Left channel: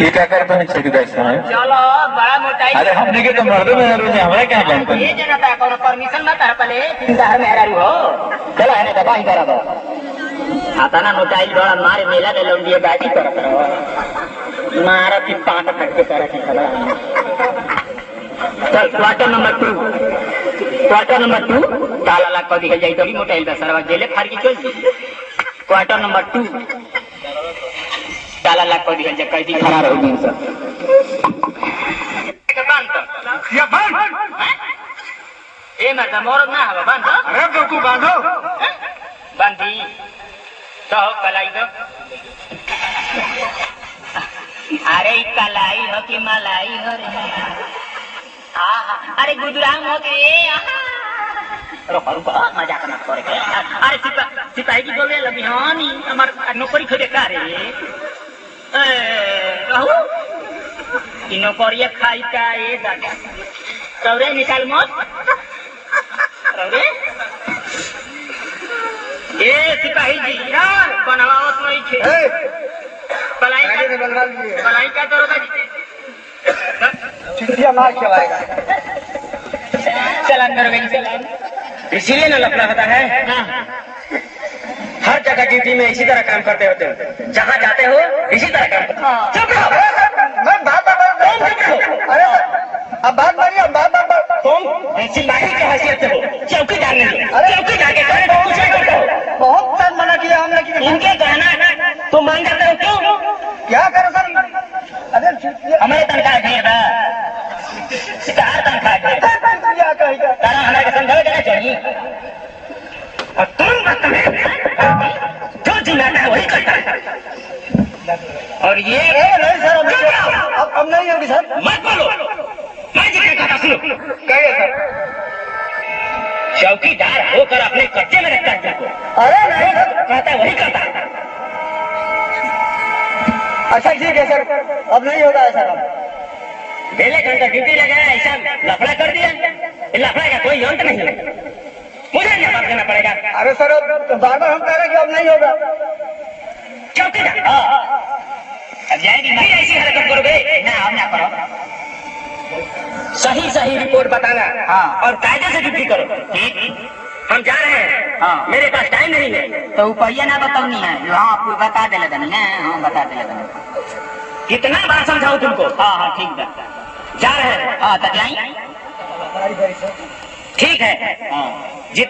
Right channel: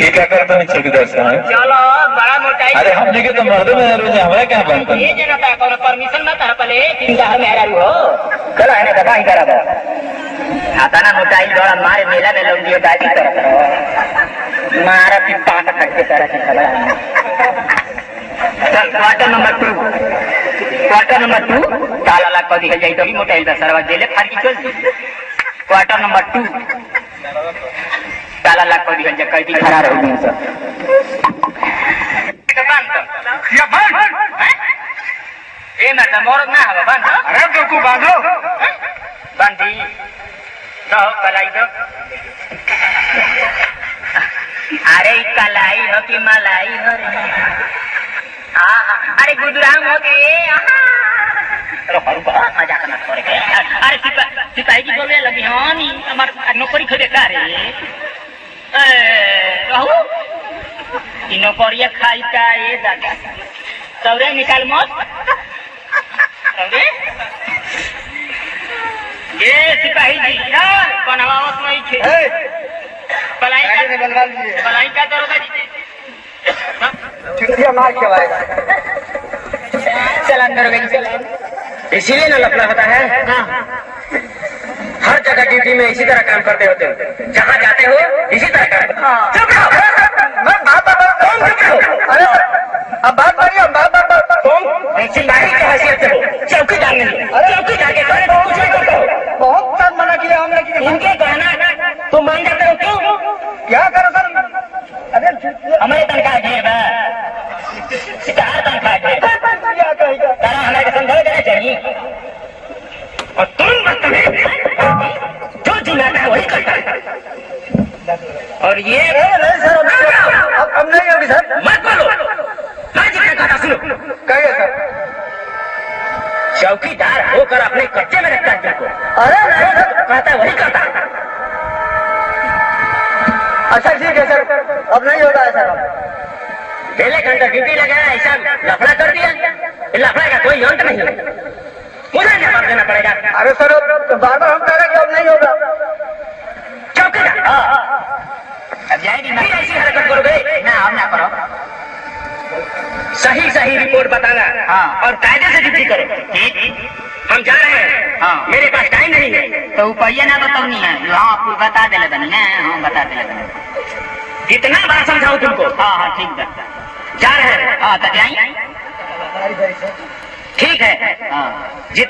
ये क्या करता है चौकीदार साहब? चलो बड़ा मोटाई। अरे हमने के तो मर्द में रोज हमारा क्या बनता है? ये जनता कौन परमिशन ना तार पले तीनदार में हरारू हो। चलो है ना दबा ही करा बा। आता ना मोटाई बड़ा मारे मेला में लोग दिए बाजी करत रहो। मारा की पाट फट के तरह की खबर। चल क्वार्टर नंबर 2 ताला ला कदी है जाई तो मोटाई दा सरवा जेले फार की चल। क्वार्टर नंबर 2 ताला ला कदी है जकई दी खरा रहो दिन से। या बांध ए मर्द मोरद ना हवा बांध। अरे तो तू बांधो बांधी तो कलाई दो। अरे कलाई हो कि मलाई हो रे। अरे गुदराम हो के रुको मजाक मत करे के। अरे सिपाही जी बोले लगी हम हमार नौकरी खोजे का रे। रहू ई नौकरिया खाई का ये दादा सौरे निकाल मत सौरे। ए सिपाही जी यार बनवावत नहीं छे। पलाई का दरोगा जी चिड़िया मार खिलाएगा। चलान दरोगा जी चलान। इसीलिए ना लफड़ा होता है। हर जगह ड्यूटी में इसी तरह काम करते होते हो। जहाँ जाते हो इसी तरह काम करते हो। चुप रहो। मैं बात अरे अब बात मानिए तुम सिपाही की हैसियत से हो चौकीदार नहीं। चौकीदार के कहने को कुछ नहीं करते हो। बहुत बार मना किया हमने कि इनके कहना तुम मान जाते हो क्यों? क्या करो सर? अरे हमारे तनख्वाह ढेर बा। कहाँ तनख्वाह ढेर तारा हमारे समझावे देना चाहिए। और तुम बदतमीज जो जिलाता है वही करता है। और ये नहीं सर अब नहीं होगी सर। मत बोलो। मैं जी क्या सुनो कहिए सर। चौकीदार होकर अपने कच्चे में रखता है तुमको। अरे नहीं सर कहता वही करता। अच्छा ठीक है सर अब नहीं होगा सर। पहले घंटा ड्यूटी लगाया ऐसा लफड़ा कर दिया। लफड़ा का कोई अंत नहीं है। मुझे जवाब देना पड़ेगा। अरे सर बार बार हम कह रहे हैं कि अब नहीं होगा। चौकीदार अब जाएगी नहीं ऐसी हरकत करोगे ना। हम ना करो। सही रिपोर्ट बताना। हाँ। और कायदे से ड्यूटी करो। ठीक हम जा रहे हैं। हाँ। मेरे पास टाइम नहीं है। तो ऊपरिया ना बताऊनी है। हाँ आपको बता दे बनी ना। हाँ बता दे बनी। कितना बार समझाऊं तुमको? हाँ ठीक बा। जा रहे हैं। हाँ तक जाए। ठीक है। हाँ जितना